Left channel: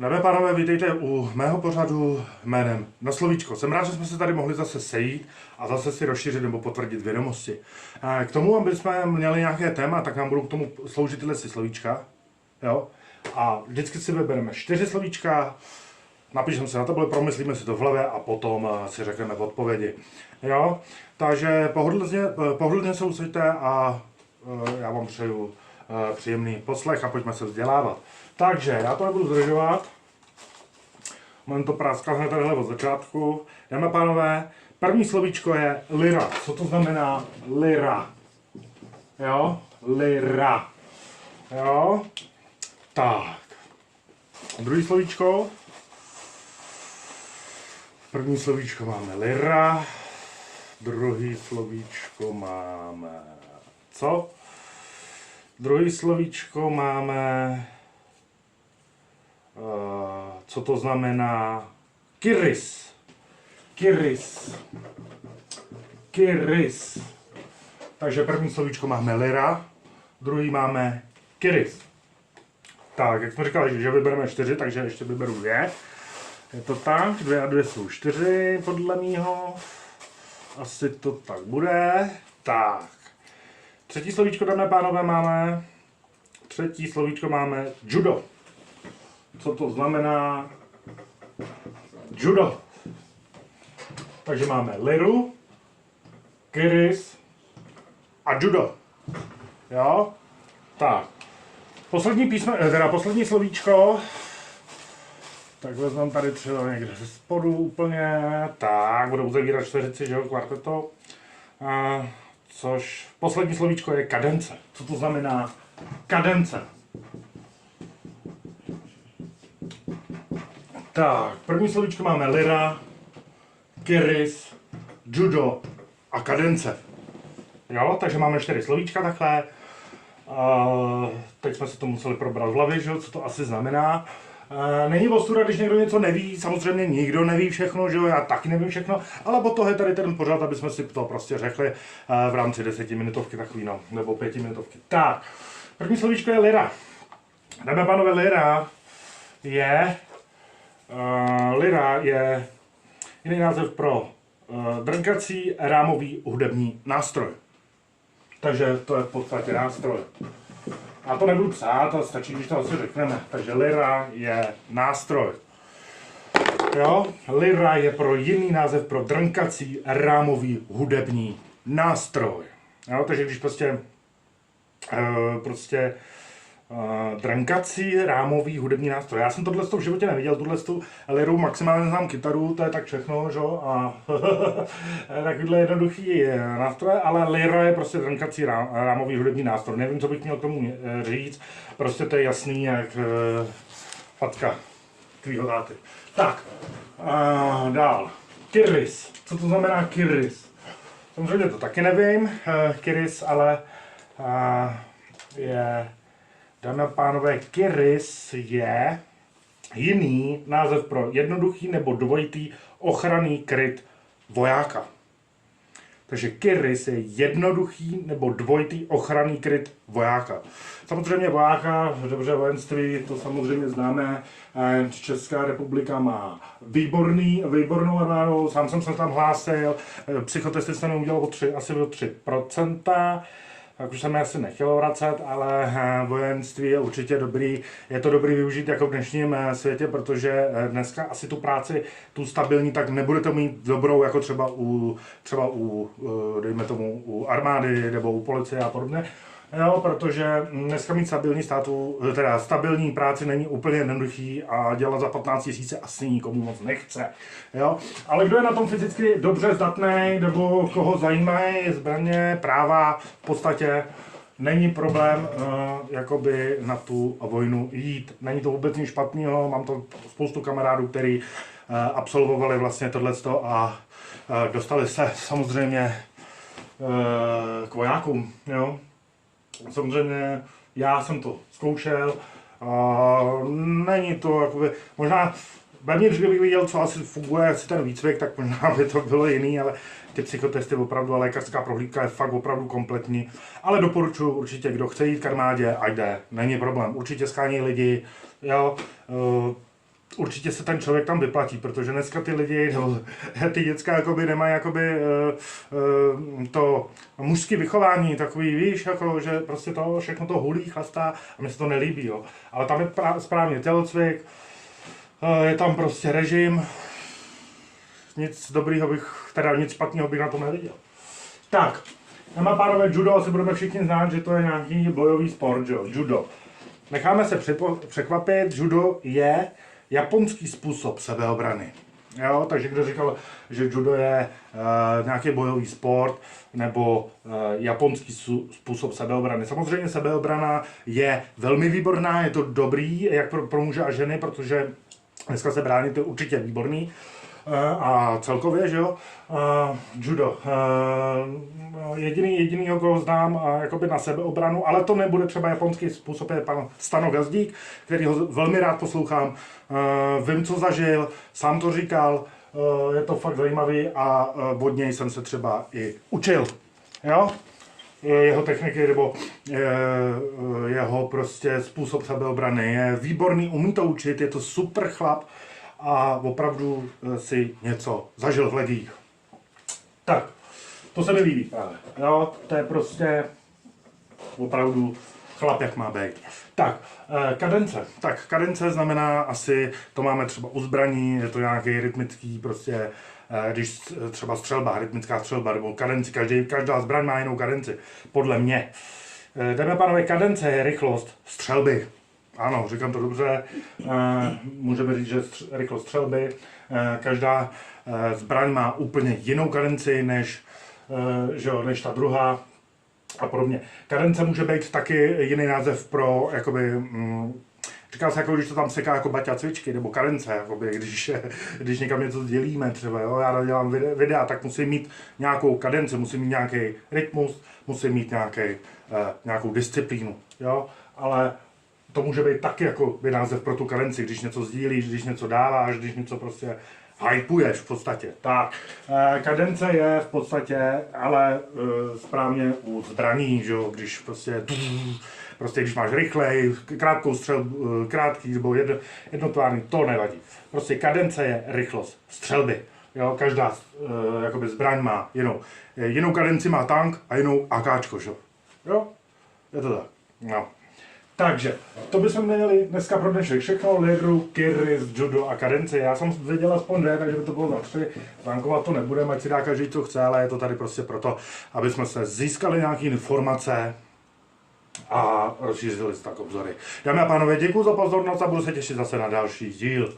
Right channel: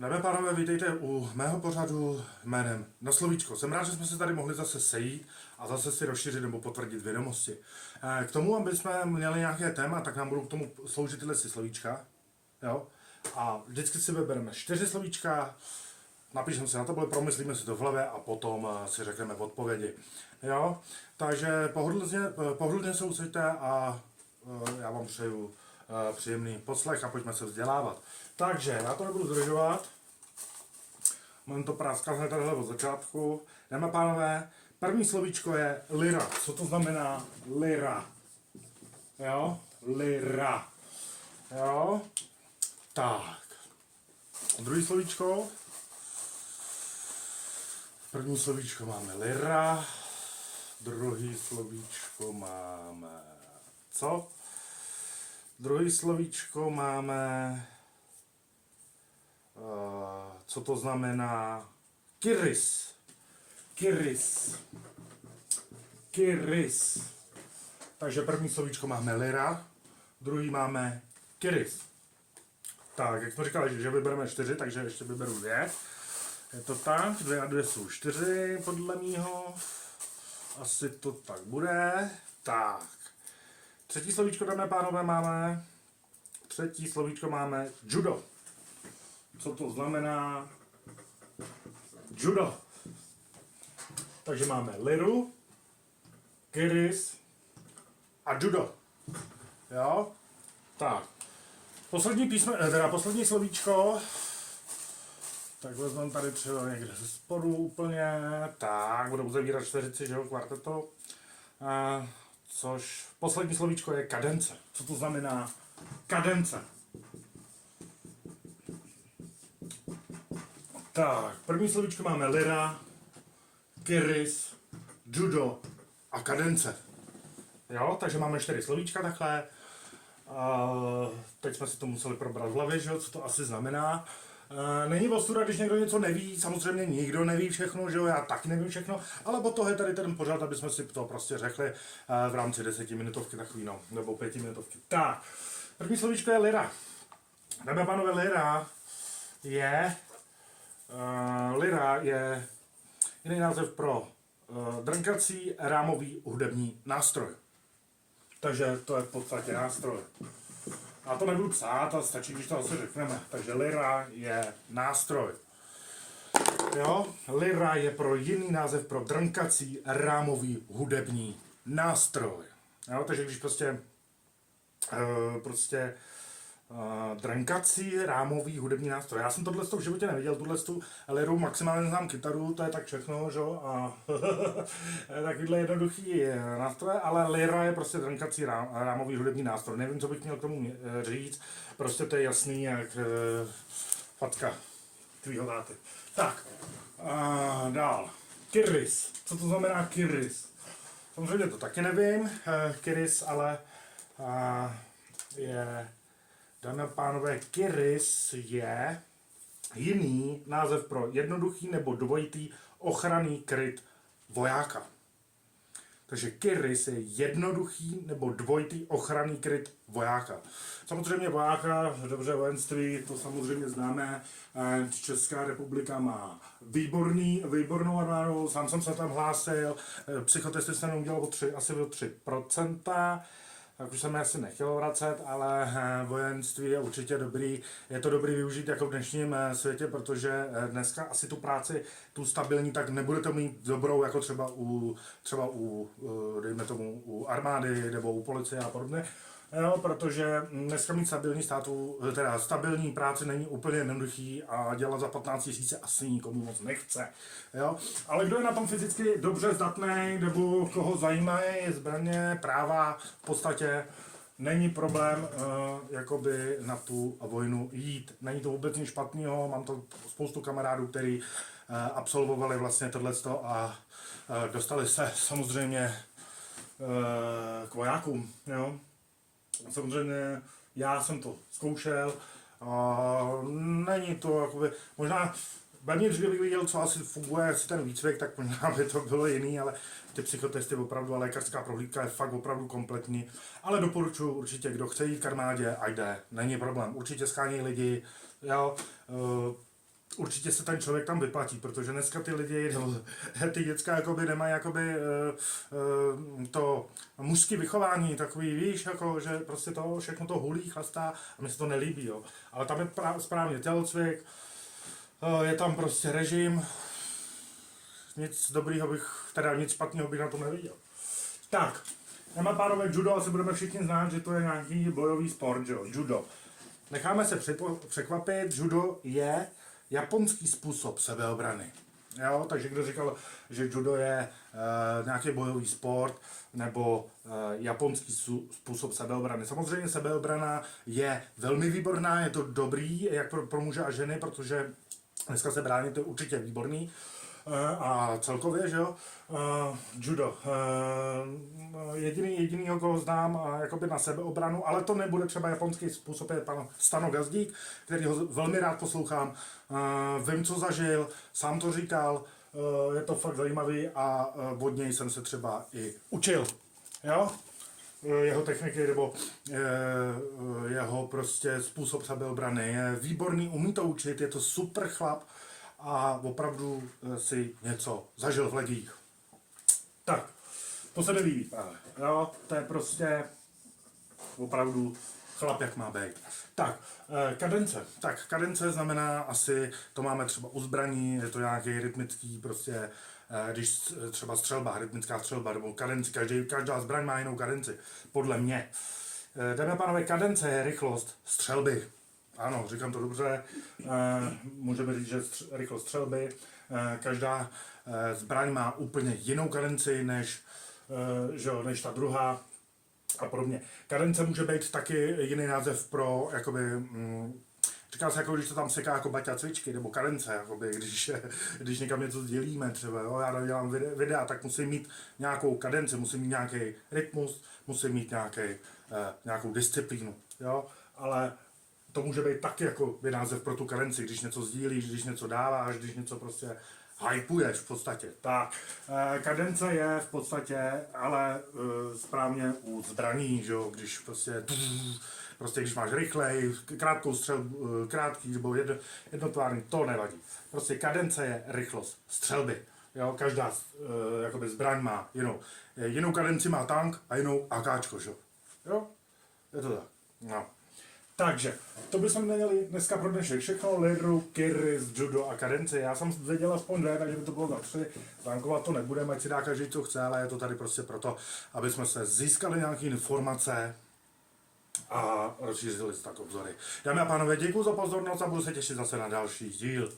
Dámy a pánové, vítejte u mého pořadu jménem Na slovíčko. Jsem rád, že jsme se tady mohli zase sejít a zase si rozšířit nebo potvrdit vědomosti. K tomu, aby jsme měli nějaké téma, tak nám budou k tomu sloužit tyhle slovíčka. Jo? A vždycky si vybereme 4 slovíčka, napíšeme se na tabuli, promyslíme si to v hlavě a potom si řekneme odpovědi. Jo? Takže pohodlně se usaďte a já vám přeju příjemný poslech a pojďme se vzdělávat. Takže já to nebudu zdržovat. Mám to práskal hned takhle od začátku. Dámy a pánové, první slovíčko je lira. Co to znamená lira? Jo? Lira. Jo? Tak. Druhý slovíčko. První slovíčko máme lira. Druhý slovíčko máme co? Druhý slovíčko máme co to znamená kyris. Kyris. Kyris. Takže první slovíčko máme lira, druhý máme kyris. Tak, jak jsme říkali, že vybereme 4, takže ještě vyberu 2. Je to tak, 2 a 2 jsou 4 podle mýho. Asi to tak bude. Tak. Třetí slovíčko, dámy a pánové, máme. Třetí slovíčko máme judo. Co to znamená judo? Takže máme liru, kyris a judo. Jo? Tak. Poslední slovíčko. Tak vezmeme tady třeba někde ze spodu úplně. Tak, budu uzavírat čtveřici, že jo, kvarteto. Což poslední slovíčko je kadence. Co to znamená kadence? Tak, první slovíčko máme lira, kyris, judo a kadence. Jo, takže máme 4 slovíčka takhle. Teď jsme si to museli probrat v hlavě, že jo, co to asi znamená. Není ostuda, když někdo něco neví, samozřejmě nikdo neví všechno, že jo, já taky nevím všechno, ale po toho je tady ten pořad, aby jsme si to prostě řekli v rámci 10minutovky takový, no, nebo 5minutovky. Tak, první slovíčko je lira. Dámy a pánové, lira je jiný název pro drnkací rámový hudební nástroj. Takže to je v podstatě nástroj. A to nebudu psát, ale stačí, když to asi řekneme. Takže lira je nástroj. Jo? Lira je pro jiný název pro drnkací rámový hudební nástroj. Jo? Takže když drnkací rámový hudební nástroj. Já jsem tohle v životě neviděl, tuhle liru, maximálně znám kytaru, to je tak všechno, že? A takovýhle jednoduchý nástroj, ale lira je prostě drnkací rámový hudební nástroj. Nevím, co bych měl k tomu říct, prostě to je jasný, jak facka tvýho táty. Tak, dál. Kyris. Co to znamená kyris? Samozřejmě to taky nevím, kyris, ale je... Dámy a pánové, kyris je jiný název pro jednoduchý nebo dvojitý ochranný kryt vojáka. Takže kyris je jednoduchý nebo dvojitý ochranný kryt vojáka. Samozřejmě vojáka, dobře, vojenství, to samozřejmě známe. Česká republika má výbornou armádu, sám jsem se tam hlásil, psychotesty jsem udělal asi o 3%. Tak už jsem je asi nechtěl vracet, ale vojenství je určitě dobrý. Je to dobrý využít jako v dnešním světě, protože dneska asi tu práci, tu stabilní, tak nebudete mít dobrou jako třeba u dejme tomu, u armády nebo u policie a podobně. Jo, protože dneska mít stabilní práci není úplně jednoduchý a dělat za 15 000 asi nikomu moc nechce. Jo? Ale kdo je na tom fyzicky dobře zdatný, nebo koho zajímají zbraně, práva, v podstatě není problém jakoby na tu vojnu jít. Není to vůbec nic špatného, mám to spoustu kamarádů, kteří absolvovali vlastně tohleto a dostali se samozřejmě k vojákům. Jo? Samozřejmě já jsem to zkoušel a není to jakoby, možná vevnitř, kdybych viděl, co asi funguje, asi ten výcvik, tak možná by to bylo jiný, ale ty psychotesty opravdu a lékařská prohlídka je fakt opravdu kompletní. Ale doporučuji určitě, kdo chce jít k armádě, ať jde, není problém. Určitě schání lidi, jo, určitě se ten člověk tam vyplatí, protože dneska ty lidi, nebo ty děcka jakoby nemají jakoby to mužské vychování, takový, víš, jako, že prostě to všechno to hulí, chlastá a mi se to nelíbí, jo. Ale tam je správně tělocvik, je tam prostě režim, nic dobrýho bych, teda nic špatného bych na tom neviděl. Tak, dámy a pánové, judo, asi budeme všichni znát, že to je nějaký bojový sport, jo, judo. Necháme se překvapit, judo je japonský způsob sebeobrany. Jo, takže kdo říkal, že judo je nějaký bojový sport nebo japonský způsob sebeobrany. Samozřejmě sebeobrana je velmi výborná, je to dobrý jak pro muže a ženy, protože dneska se bránit je určitě výborný. A celkově, že jo, judo. Jedinýho, koho znám jakoby na sebeobranu, ale to nebude třeba japonský způsob, je pan Stano Gazdík, který ho velmi rád poslouchám. Vím, co zažil, sám to říkal, je to fakt zajímavý a od něj jsem se třeba i učil. Jo? Jeho techniky nebo jeho prostě způsob sebeobrany je výborný, umí to učit, je to super chlap a opravdu si něco zažil v legiích. Tak, to se mi líbí právě. Jo, to je prostě opravdu chlap, jak má být. Tak, kadence. Tak, kadence znamená asi, to máme třeba u zbraní, je to nějaký rytmický prostě, když třeba střelba, rytmická střelba, nebo kadenci, každá zbraň má jinou kadenci, podle mě. Dámy a pánové, kadence je rychlost střelby. Ano, říkám to dobře, můžeme říct, že rychlost střelby, každá zbraň má úplně jinou kadenci než ta druhá a podobně. Kadence může být taky jiný název pro, jakoby, říká se, jako když to tam seká jako baťa cvičky, nebo kadence, jakoby, když někam něco sdělíme třeba, jo, já dělám videa, tak musím mít nějakou kadenci, musím mít nějaký rytmus, musím mít nějakou disciplínu, jo, ale to může být taky jako název pro tu kadenci, když něco sdílíš, když něco dáváš, když něco prostě hypuješ v podstatě. Tak, kadence je v podstatě, ale správně u zbraní, že jo, když prostě když máš rychlej, krátkou střelbu, krátký nebo jednotvárný, to nevadí. Prostě kadence je rychlost střelby. Jo, každá jakoby zbraň má jinou kadenci má tank a jinou AKčko, že jo? Je to tak. No. Takže, to bychom měli dneska pro dnešek všechno, Liru, Kyris, judo a kadence. Já jsem viděl aspoň 2, takže by to bylo za 3. Zvánkovat to nebudeme, ať si dá každý, co chce, ale je to tady prostě proto, aby jsme se získali nějaké informace a rozšířili si tak obzory. Dámy a pánové, děkuji za pozornost a budu se těšit zase na další díl.